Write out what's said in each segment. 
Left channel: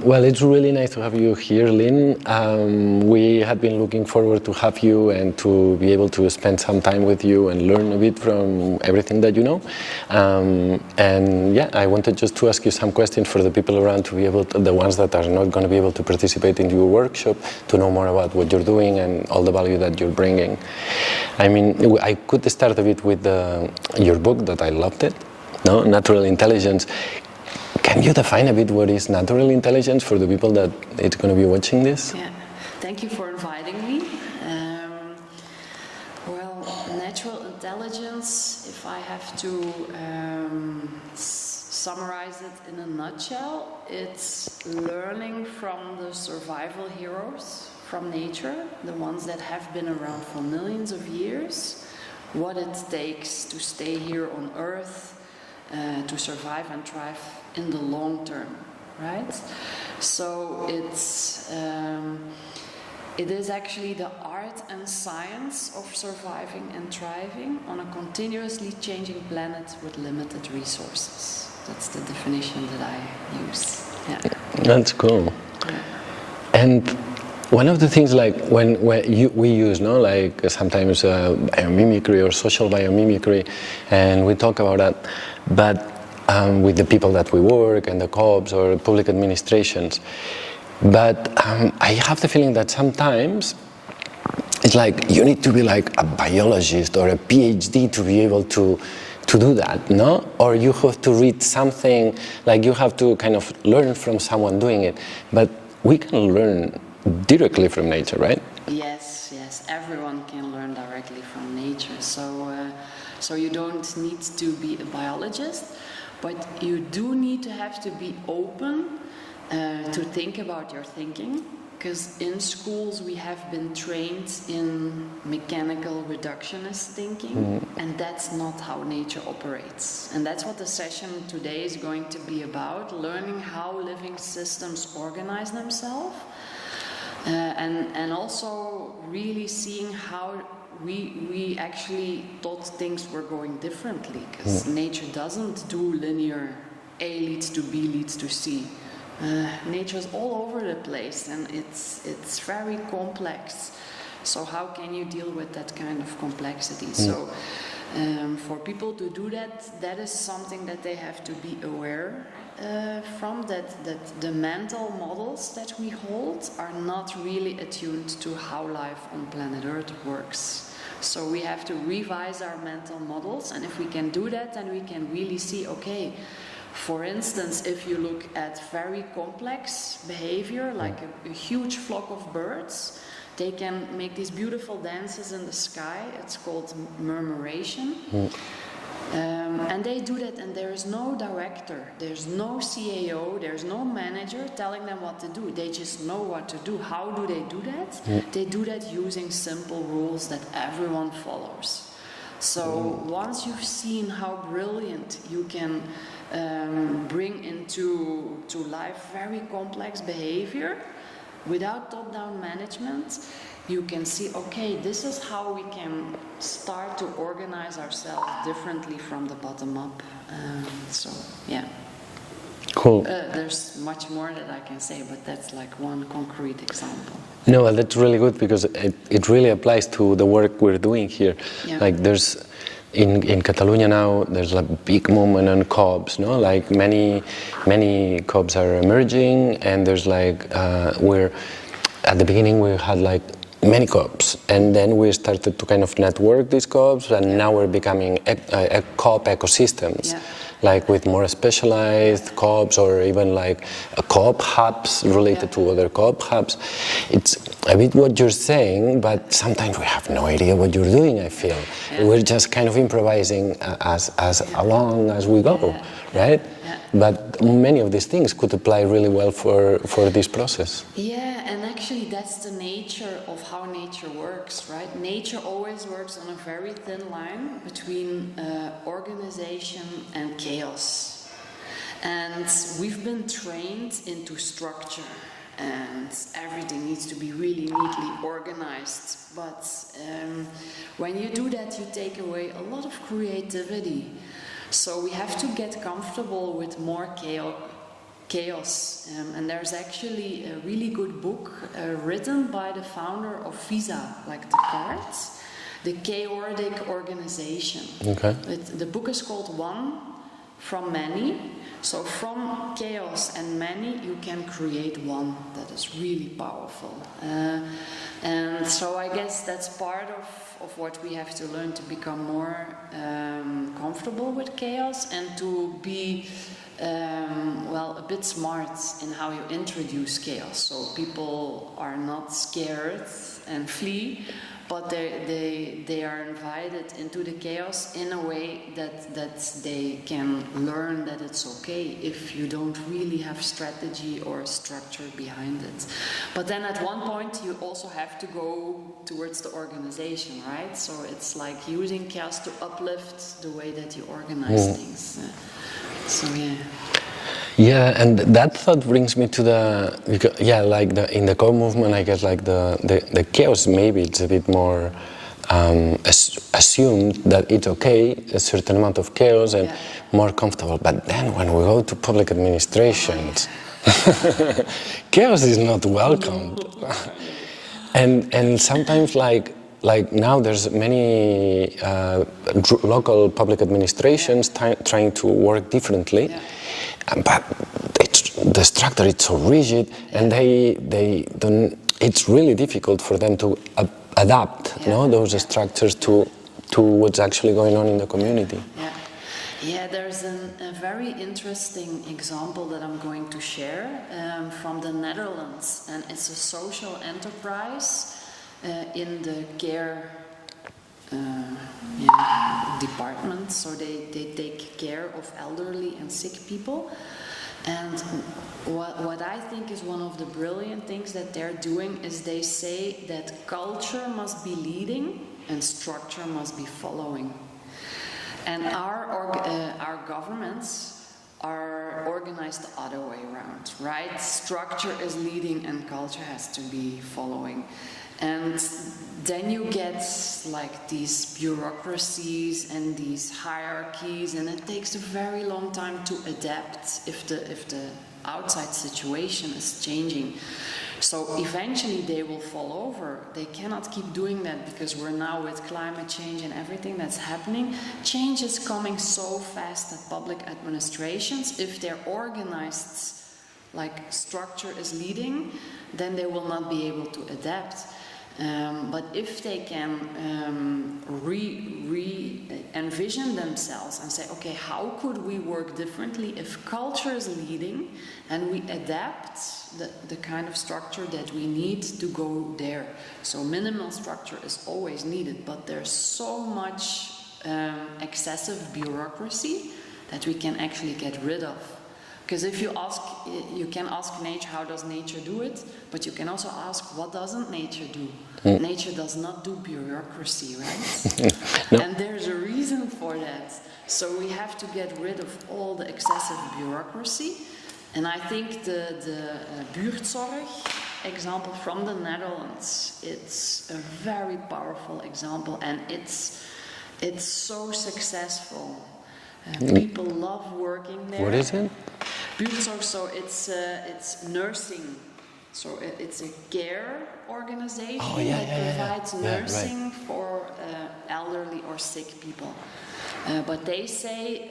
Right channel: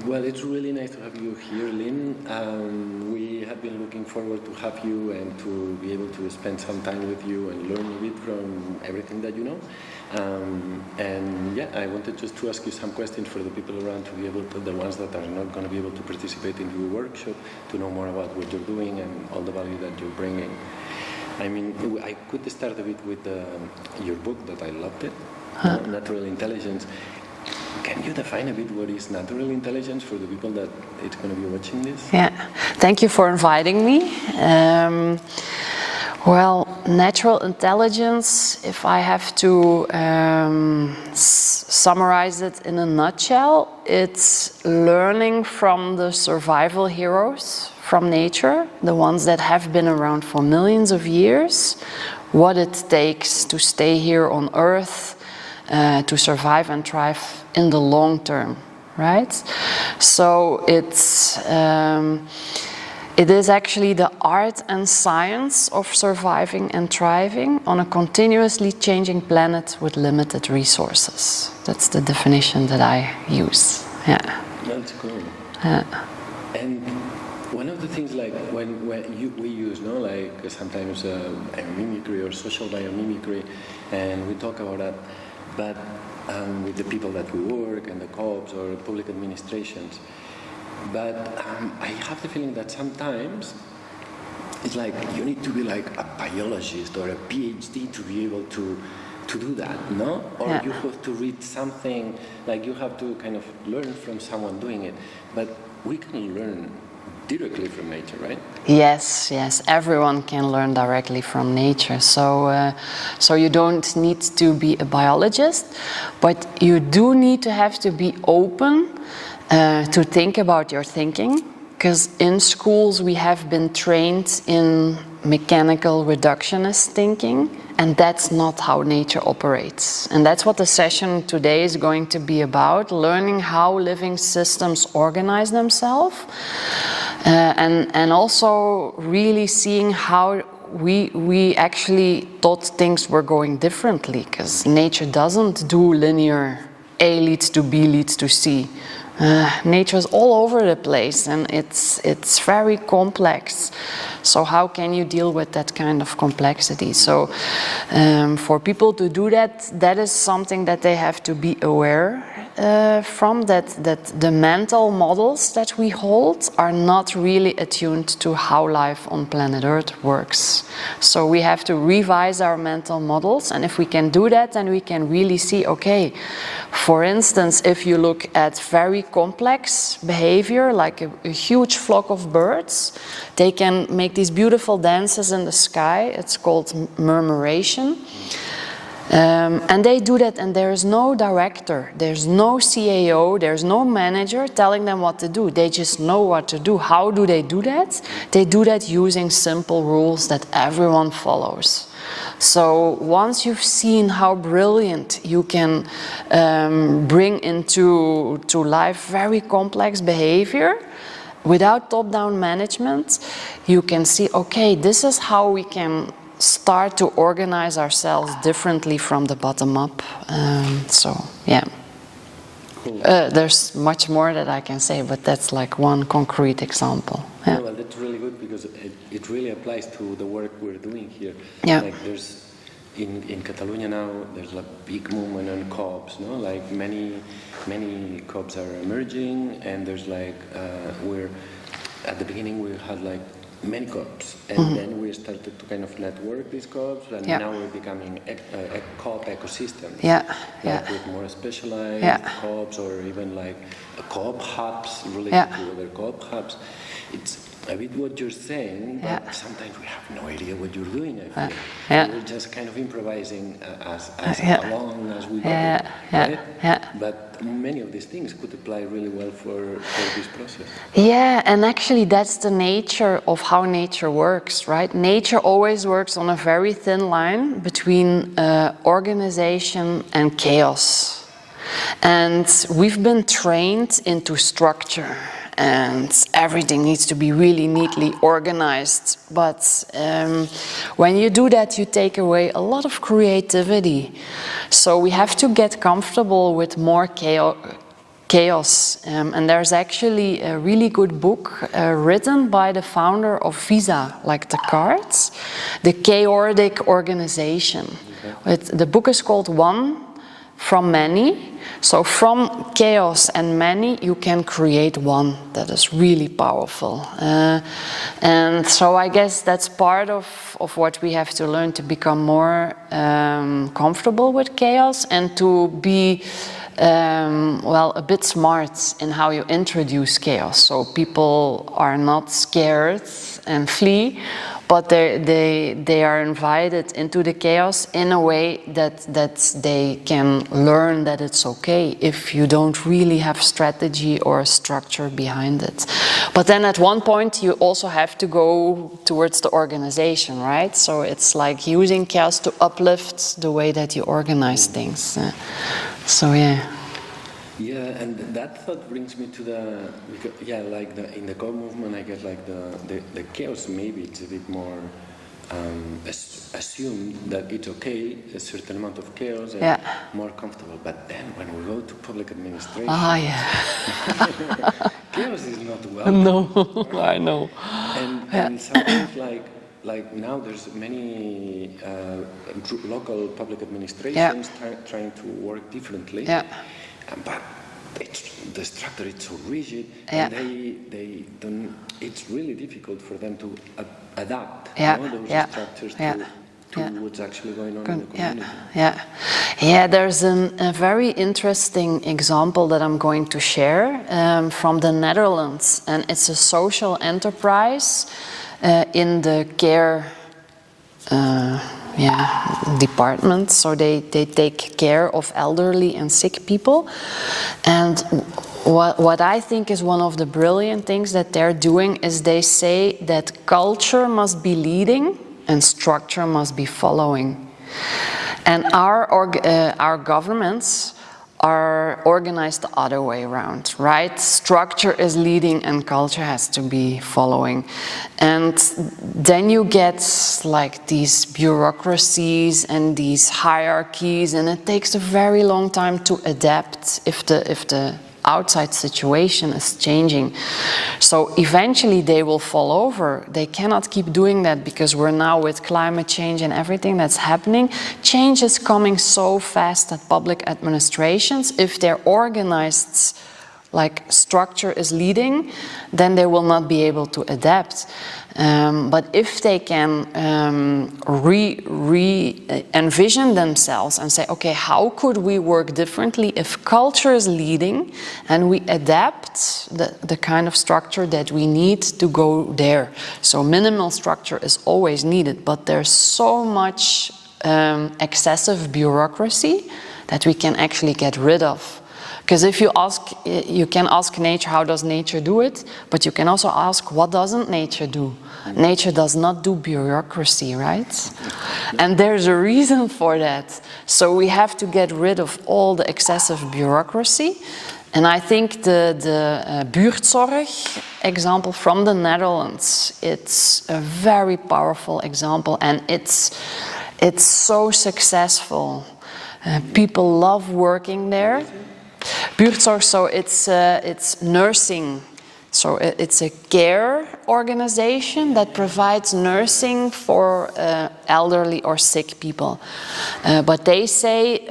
Well, it's really nice to have you here, Leen. We have been looking forward to have you and to be able to spend some time with you and learn a bit from everything that you know. And yeah, I wanted just to ask you some questions for the people around to be able to, the ones that are not going to be able to participate in your workshop, to know more about what you're doing and all the value that you're bringing. I mean, I could start a bit with your book that I loved it, no? Natural Intelligence. Can you define a bit what is natural intelligence for the people that it's going to be watching this? Yeah, thank you for inviting me. Well, natural intelligence, if I have to summarize it in a nutshell, it's learning from the survival heroes from nature, the ones that have been around for millions of years, what it takes to stay here on Earth, to survive and thrive in the long term, right? So it is actually the art and science of surviving and thriving on a continuously changing planet with limited resources. That's the definition that I use. Yeah. That's cool. Yeah. And one of the things, like when we use, no, like sometimes biomimicry or social biomimicry, and we talk about that, but with the people that we work and the co-ops or public administrations. But I have the feeling that sometimes it's like you need to be like a biologist or a PhD to be able to do that, no? Or you have to read something, like you have to kind of learn from someone doing it. But we can learn directly from nature, right? Yes, yes, everyone can learn directly from nature. So, so you don't need to be a biologist, but you do need to have to be open to think about your thinking, because in schools we have been trained in mechanical reductionist thinking, and that's not how nature operates. And that's what the session today is going to be about, learning how living systems organize themselves. And also really seeing how we actually thought things were going differently, because nature doesn't do linear A leads to B leads to C. Nature is all over the place, and it's very complex. So how can you deal with that kind of complexity? So for people to do that, that is something that they have to be aware from, that the mental models that we hold are not really attuned to how life on planet Earth works. So we have to revise our mental models, and if we can do that, then we can really see, okay, for instance, if you look at very complex behavior, like a huge flock of birds, they can make these beautiful dances in the sky. It's called murmuration. And they do that, and there is no director, there's no CAO, there's no manager telling them what to do. They just know what to do. How do they do that? They do that using simple rules that everyone follows. So once you've seen how brilliant you can bring into life very complex behavior without top-down management, you can see, okay, this is how we can start to organize ourselves differently from the bottom up. So, yeah. Cool. There's much more that I can say, but that's like one concrete example. Yeah. No, well, that's really good, because it really applies to the work we're doing here. Yeah. Like there's, in Catalonia now, there's a big movement on co-ops, no? Like many co-ops are emerging, and there's like, at the beginning we had like many co-ops, and then we started to kind of network these co-ops, and now we're becoming a co-op ecosystems, like with more specialized co-ops, or even like co-op hubs related to other co-op hubs. It's a bit what you're saying, but sometimes we have no idea what you're doing, I feel. We're just kind of improvising as along as we go, right? But many of these things could apply really well for this process. Yeah, and actually that's the nature of how nature works, right? Nature always works on a very thin line between organization and chaos. And we've been trained into structure, and everything needs to be really neatly organized. But when you do that, you take away a lot of creativity. So we have to get comfortable with more chaos. And there's actually a really good book written by the founder of Visa, like the cards, The Chaotic Organization. Okay. The book is called One from Many. So from chaos and many, you can create one that is really powerful. And so I guess that's part of what we have to learn to become more comfortable with chaos and to be well, a bit smart in how you introduce chaos. So people are not scared and flee, but they are invited into the chaos in a way that they can learn that it's okay if you don't really have strategy or structure behind it. But then at one point you also have to go towards the organization, right? So it's like using chaos to uplift the way that you organize things. So yeah. Yeah, and that thought brings me to in the core movement, I guess like the chaos, maybe it's a bit more assumed that it's okay, a certain amount of chaos and more comfortable. But then when we go to public administrations, chaos is not welcome. No, I know. And sometimes like now there's many local public administrations trying to work differently. Yeah. But the structure is so rigid, and they don't. It's really difficult for them to adapt those structures to what's actually going on in the community. Yeah. There's a very interesting example that I'm going to share from the Netherlands, and it's a social enterprise in the care. Department, so they take care of elderly and sick people. And what I think is one of the brilliant things that they're doing is they say that culture must be leading and structure must be following. And our governments are organized the other way around, right? Structure is leading and culture has to be following. And then you get like these bureaucracies and these hierarchies, and it takes a very long time to adapt if the outside situation is changing. So eventually they will fall over. They cannot keep doing that because we're now with climate change and everything that's happening. Change is coming so fast at public administrations. If they're organized like structure is leading, then they will not be able to adapt. But if they can envision themselves and say, okay, how could we work differently if culture is leading and we adapt the kind of structure that we need to go there. So minimal structure is always needed, but there's so much excessive bureaucracy that we can actually get rid of. Because if you can ask nature, how does nature do it? But you can also ask, what doesn't nature do? Nature does not do bureaucracy, right? No. And there's a reason for that. So we have to get rid of all the excessive bureaucracy. And I think the buurtzorg example from the Netherlands, it's a very powerful example, and it's so successful. People love working there. What is it? Buurtzorg, so it's nursing. So it's a care organization that provides nursing for elderly or sick people. But they say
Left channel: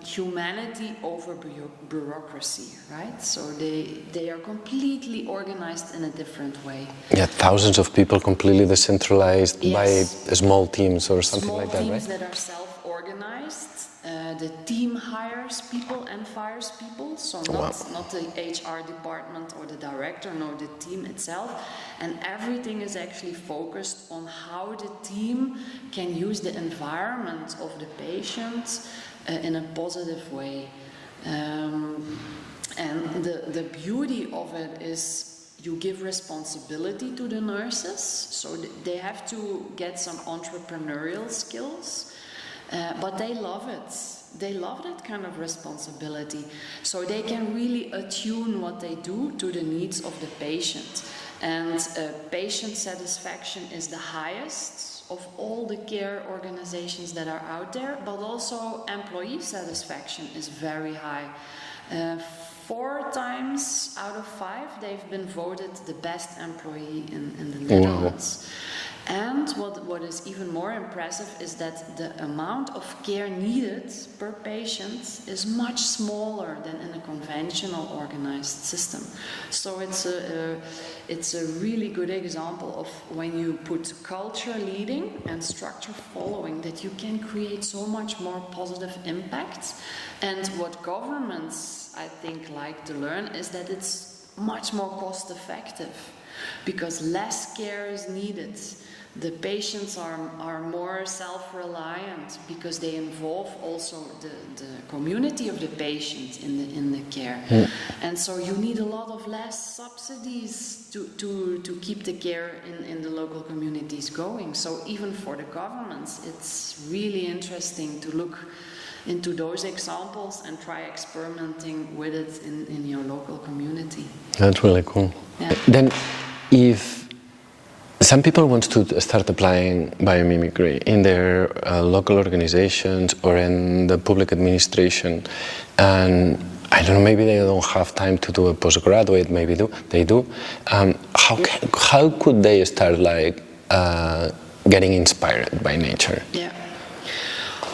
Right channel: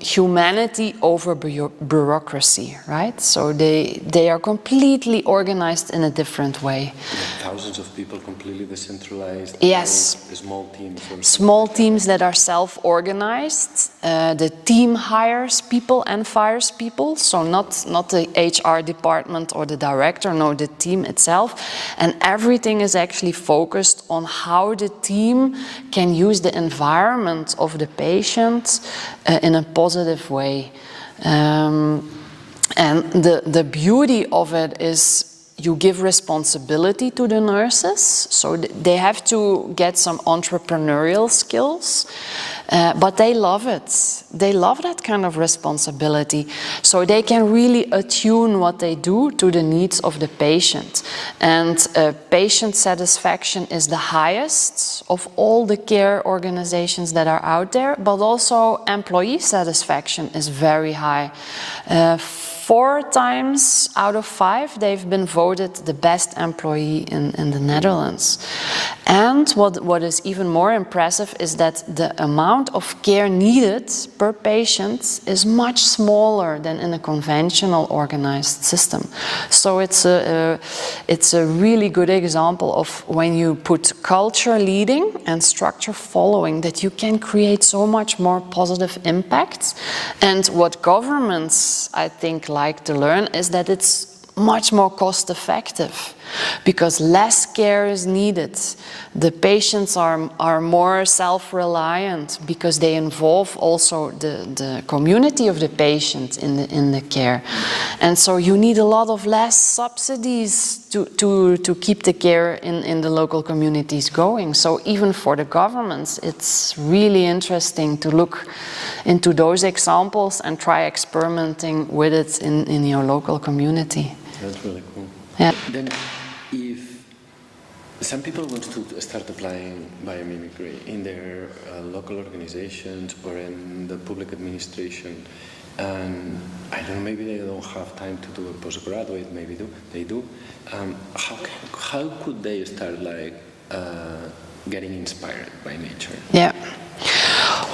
humanity over bureaucracy, right? So they are completely organized in a different way. Yeah, thousands of people completely decentralized by small teams or something small like teams that, right? that are self-organized. The team hires people and fires people, so not the HR department or the director, no, the team itself. And everything is actually focused on how the team can use the environment of the patient in a positive way. And the beauty of it is you give responsibility to the nurses, so they have to get some entrepreneurial skills. But they love it. They love that kind of responsibility. So they can really attune what they do to the needs of the patient. And patient satisfaction is the highest of all the care organizations that are out there, but also employee satisfaction is very high. 4 times out of 5 they've been voted the best employee in the Netherlands. And what is even more impressive is that the amount of care needed per patient is much smaller than in a conventional organized system. So it's a really good example of when you put culture leading and structure following, that you can create so much more positive impact. And what governments, I think, like to learn is that it's much more cost effective because less care is needed. The patients are more self-reliant because they involve also the community of the patient in the care. And so you need a lot of less subsidies to keep the care in the local communities going. So even for the governments, it's really interesting to look into those examples and try experimenting with it in your local community. That's really cool. Yeah. Then, if some people want to start applying biomimicry in their local organizations or in the public administration, and I don't know, maybe they don't have time to do a postgraduate, maybe they do. How could they start getting inspired by nature? Yeah.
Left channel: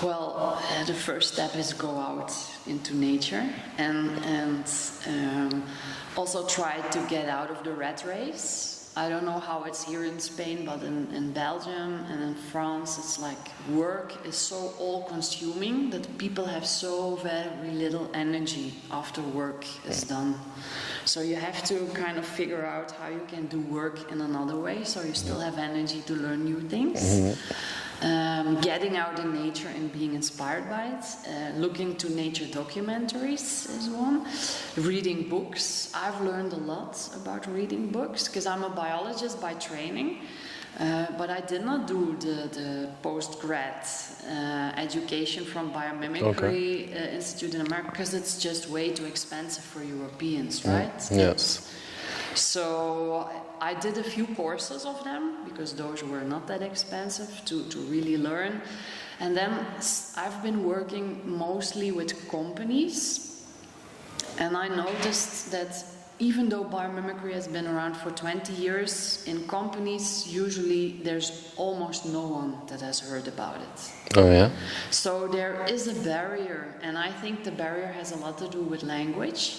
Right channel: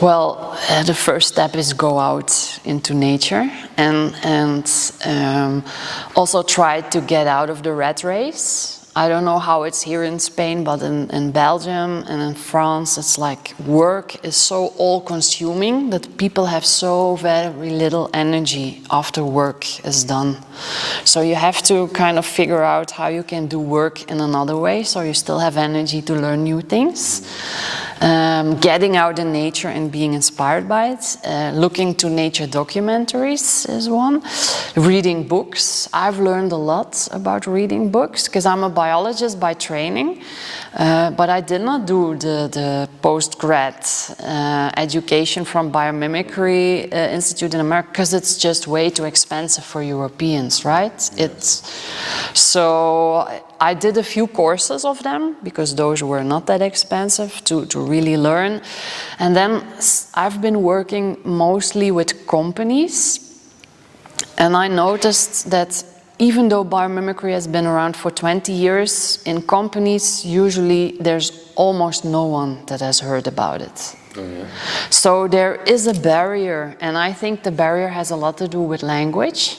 Well, the first step is go out into nature and also try to get out of the rat race. I don't know how it's here in Spain, but in Belgium and in France, it's like work is so all-consuming that people have so very little energy after work is done. So you have to kind of figure out how you can do work in another way so you still have energy to learn new things. Getting out in nature and being inspired by it. Looking to nature documentaries is one. Reading books. I've learned a lot about reading books because I'm a biologist by training. But I did not do the post-grad education from Biomimicry Institute in America because it's just way too expensive for Europeans, right? Yes. So I did a few courses of them because those were not that expensive to really learn. And then I've been working mostly with companies, and I noticed that even though biomimicry has been around for 20 years, in companies usually there's almost no one that has heard about it. Oh yeah? So there is a barrier, and I think the barrier has a lot to do with language.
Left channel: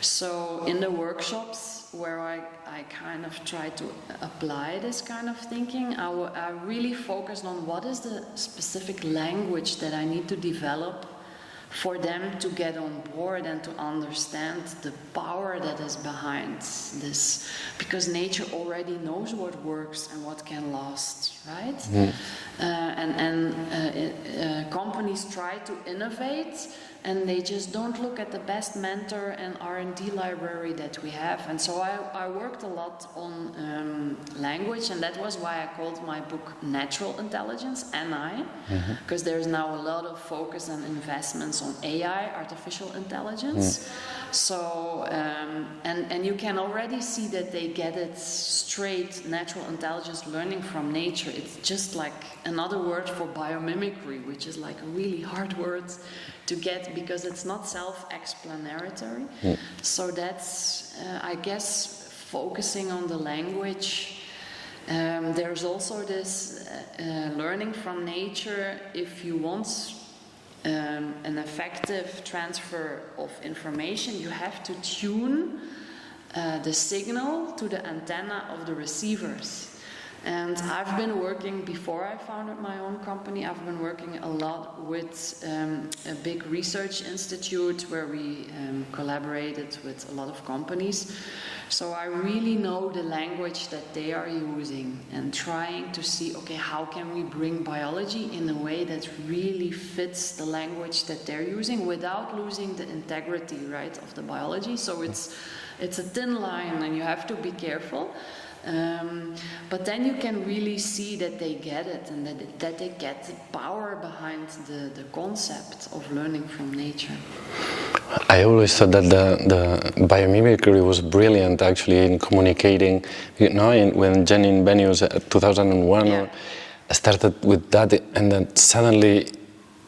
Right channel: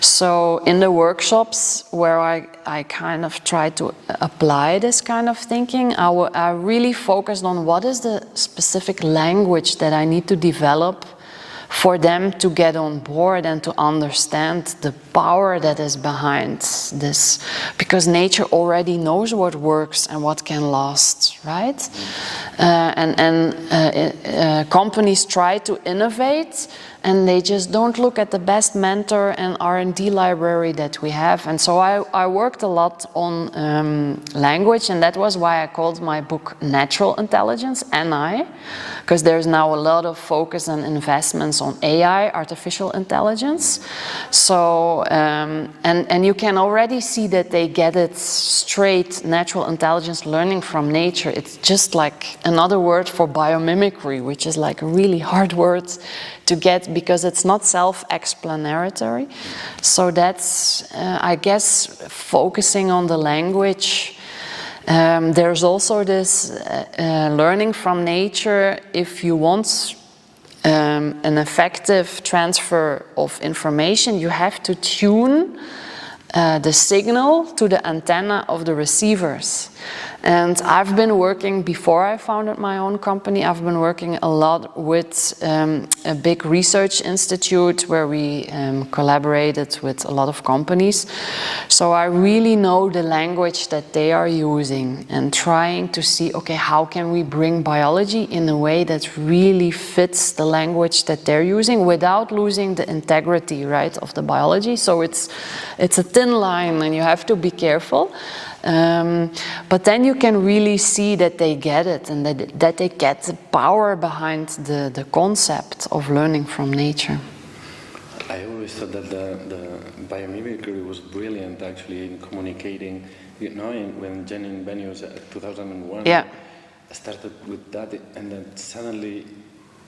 So in the workshops where I kind of try to apply this kind of thinking, I really focused on what is the specific language that I need to develop for them to get on board and to understand the power that is behind this. Because nature already knows what works and what can last, right? Companies try to innovate, and they just don't look at the best mentor and R&D library that we have. And so I worked a lot on language, and that was why I called my book Natural Intelligence, NI, because there's now a lot of focus and investments on AI, artificial intelligence. So, and you can already see that they get it straight, natural intelligence, learning from nature. It's just like another word for biomimicry, which is like a really hard word to get because it's not self-explanatory. So that's, I guess, focusing on the language. There's also this learning from nature. If you want an effective transfer of information, you have to tune the signal to the antenna of the receivers. And I've been working, before I founded my own company, I've been working a lot with a big research institute where we collaborated with a lot of companies. So I really know the language that they are using and trying to see, okay, how can we bring biology in a way that really fits the language that they're using without losing the integrity, right, of the biology. So it's a thin line and you have to be careful. But then you can really see that they get it and that they get the power behind the concept of learning from nature. I always thought that the biomimicry was brilliant actually in communicating, you know, when Jenny Benius 2001 started with that, and then suddenly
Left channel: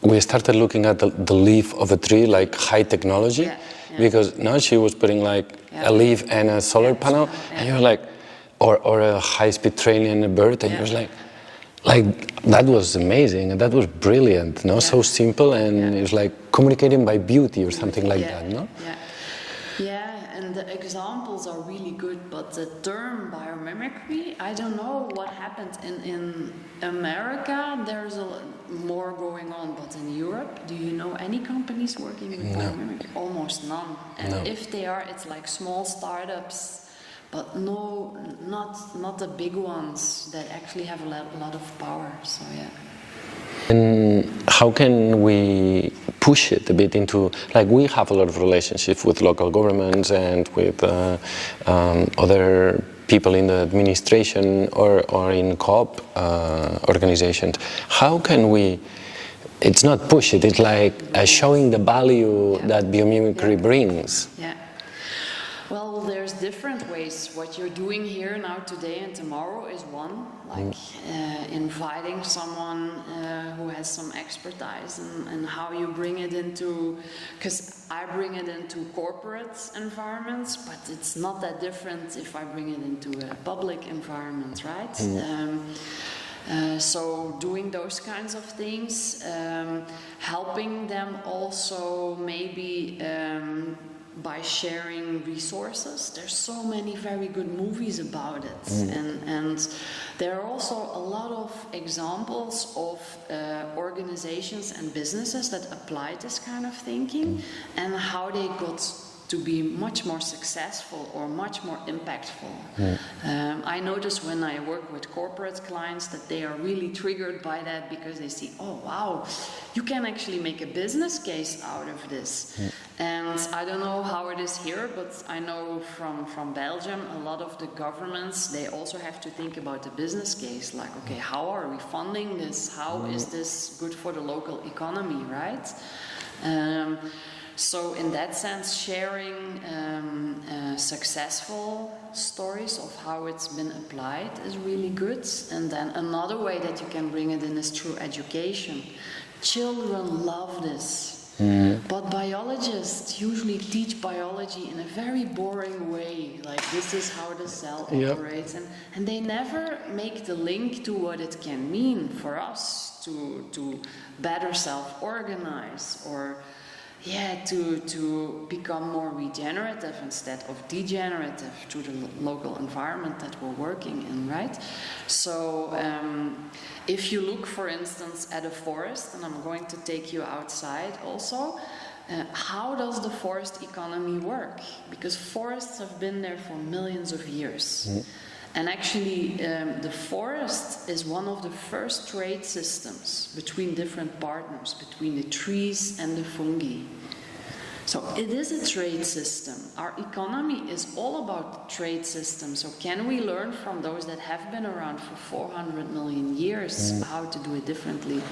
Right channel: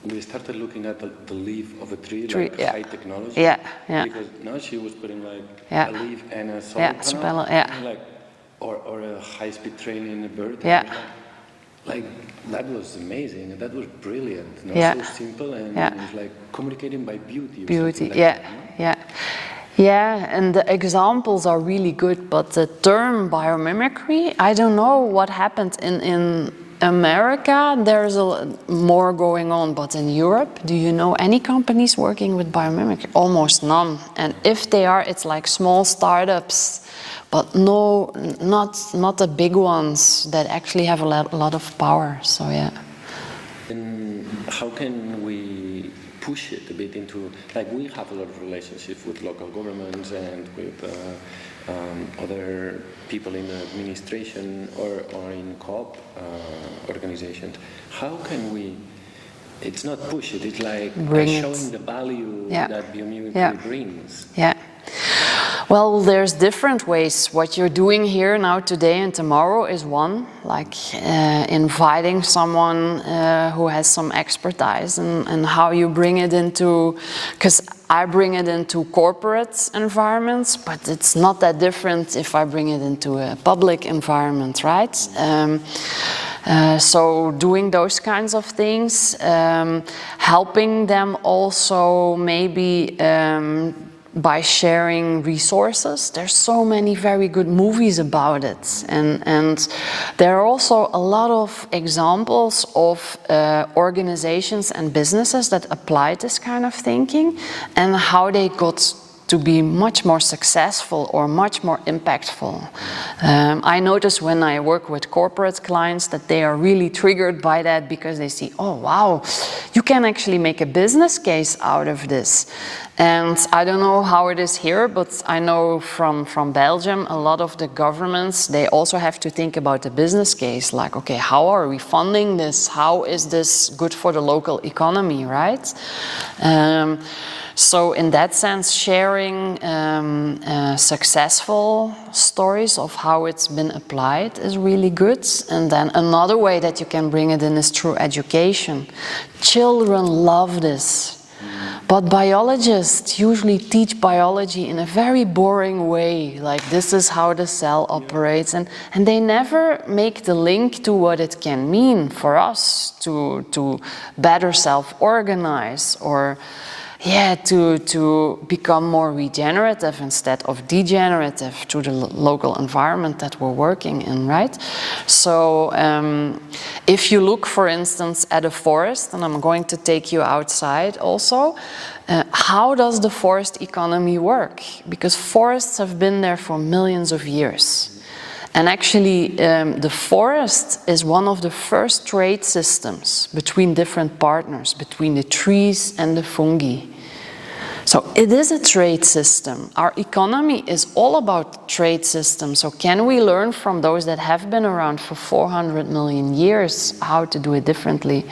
we started looking at the leaf of a tree, like high technology. Yeah, yeah. Because now she was putting like a leaf and a solar panel. And you're like, or a high-speed train and a bird. And it was like that was amazing and that was brilliant. No, so simple, and it's like communicating by beauty or something like that. No? Yeah, and the examples are really good, but the term biomimicry, I don't know what happened in America. There's more going on, but in Europe, do you know any companies working with biomimicry? Almost none. And if they are, it's like small startups, but no, not the big ones that actually have a lot of power. So yeah. And how can we push it a bit into, like, we have a lot of relationships with local governments and with other people in the administration or in co-op organizations. How can we, it's not push it, it's like showing the value that biomimicry brings? Yeah. Well, there's different ways. What you're doing here now, today and tomorrow is one, like inviting someone who has some expertise and how you bring it into, because I bring it into corporate environments, but it's not that different if I bring it into a public environment, right? So doing those kinds of things, helping them also maybe by sharing resources. There's so many very good movies about it, and there are also a lot of examples of organizations and businesses that apply this kind of thinking and how they got to be much more successful or much more impactful. I notice when I work with corporate clients that they are really triggered by that because they see, oh wow, you can actually make a business case out of this. And I don't know how it is here, but I know from Belgium, a lot of the governments, they also have to think about the business case, like, okay, how are we funding this? How is this good for the local economy, right? So in that sense, sharing successful stories of how it's been applied is really good. And then another way that you can bring it in is through education. Children love this. But biologists usually teach biology in a very boring way, like this is how the cell operates, and they never make the link to what it can mean for us to better self-organize or to become more regenerative instead of degenerative to the local environment that we're working in, right? So if you look, for instance, at a forest, and I'm going to take you outside also, how does the forest economy work? Because forests have been there for millions of years. And actually, the forest is one of the first trade systems between different partners, between the trees and the fungi. So it is a trade system. Our economy is all about trade systems. So can we learn from those that have been around for 400 million years how to do it differently?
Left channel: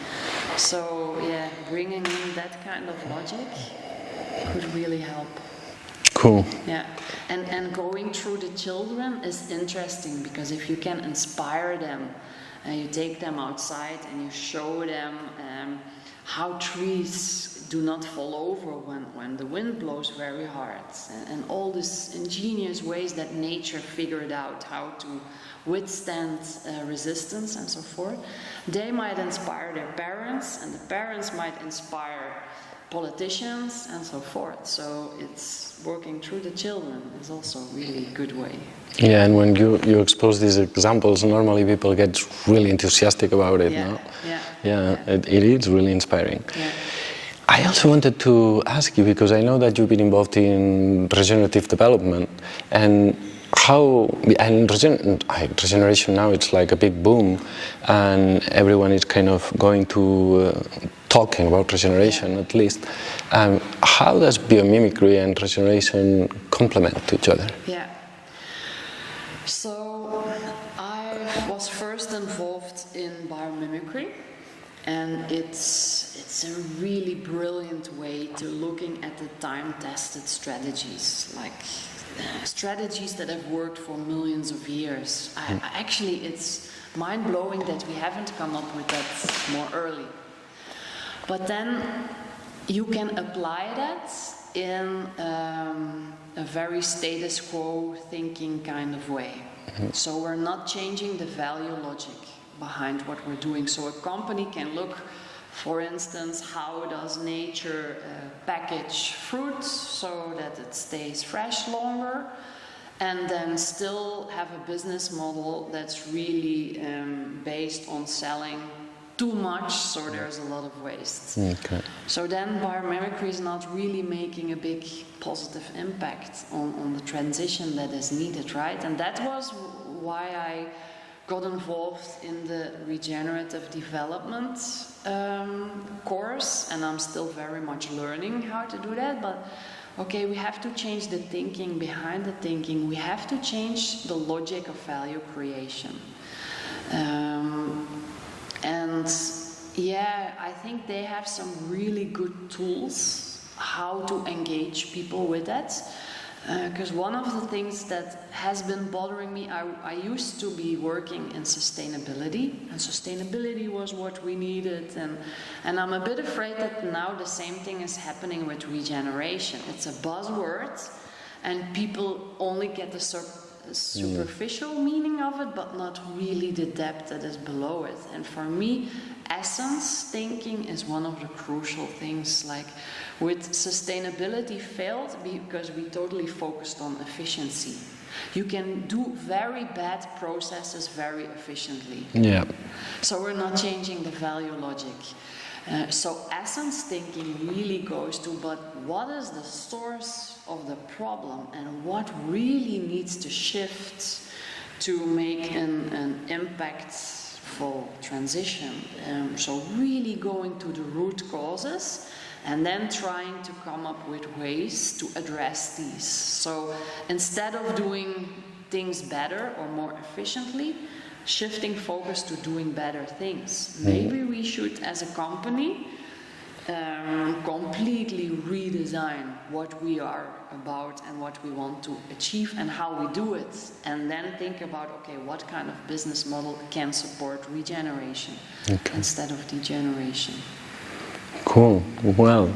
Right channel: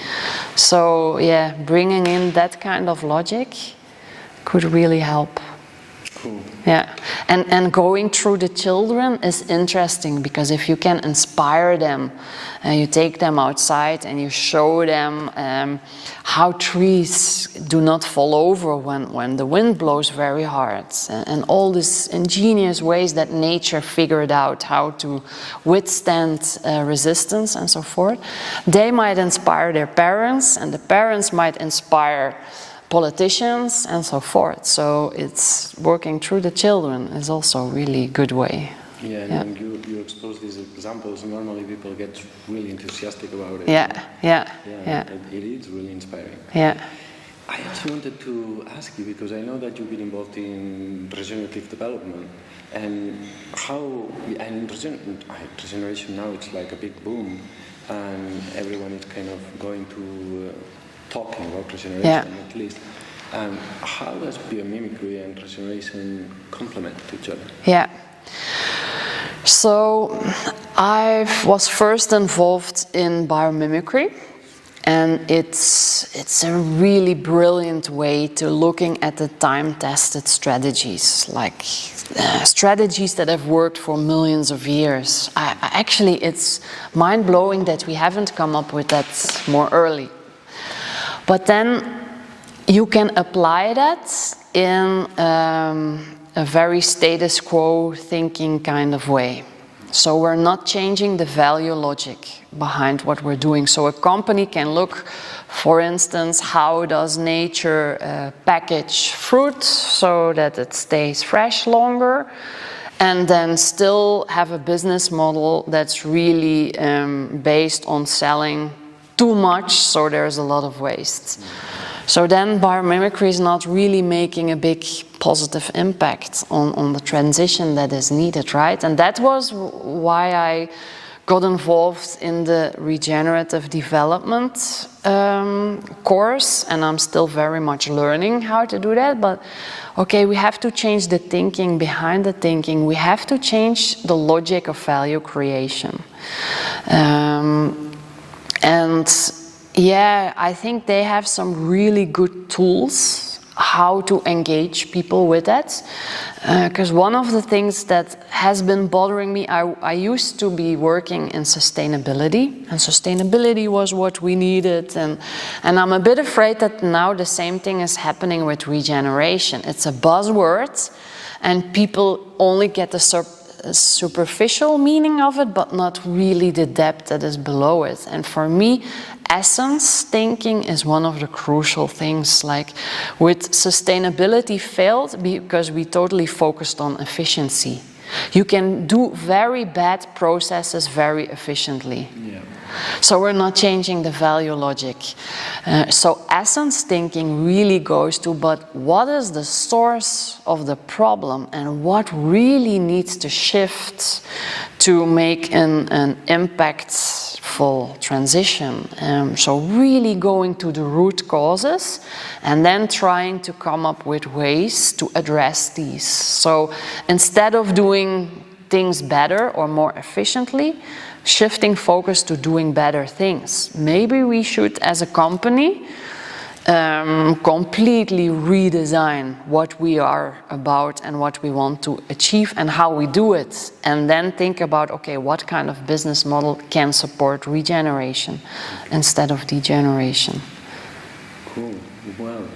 So yeah, bringing in that kind of logic could really help. Cool. Yeah, and going through the children is interesting because if you can inspire them, you take them outside and you show them how trees do not fall over when the wind blows very hard, and all these ingenious ways that nature figured out how to withstand resistance and so forth, they might inspire their parents, and the parents might inspire politicians and so forth. So it's working through the children is also a really good way. Yeah, and when you expose these examples, normally people get really enthusiastic about it. It is really inspiring. Yeah. I also wanted to ask you, because I know that you've been involved in regenerative development, and regeneration now, it's like a big boom, and everyone is kind of going to talking about regeneration at least. How does biomimicry and regeneration complement to each other? Yeah. So I was first involved in biomimicry, and it's a really brilliant way to looking at the time-tested strategies, like strategies that have worked for millions of years. Actually, it's mind-blowing that we haven't come up with that more early. But then you can apply that in a very status quo thinking kind of way. So we're not changing the value logic behind what we're doing. So a company can look, for instance, how does nature package fruit so that it stays fresh longer, and then still have a business model that's really based on selling too much, so there's a lot of waste. Okay. So then biomimicry is not really making a big positive impact on the transition that is needed, right? And that was why I got involved in the regenerative development course, and I'm still very much learning how to do that, but okay, we have to change the thinking behind the thinking. We have to change the logic of value creation. And yeah, I think they have some really good tools how to engage people with that. Because one of the things that has been bothering me, I used to be working in sustainability, and sustainability was what we needed, and I'm a bit afraid that now the same thing is happening with regeneration. It's a buzzword, and people only get the superficial meaning of it, but not really the depth that is below it. And for me, essence thinking is one of the crucial things. Like with sustainability failed because we totally focused on efficiency. You can do very bad processes very efficiently. Yeah. So we're not changing the value logic. So essence thinking really goes to, but what is the source of the problem and what really needs to shift to make an impactful transition? So really going to the root causes and then trying to come up with ways to address these. So instead of doing things better or more efficiently, shifting focus to doing better things. Maybe we should, as a company, completely redesign what we are about and what we want to achieve and how we do it. And then think about, okay, what kind of business model can support regeneration instead of degeneration. Cool. Well,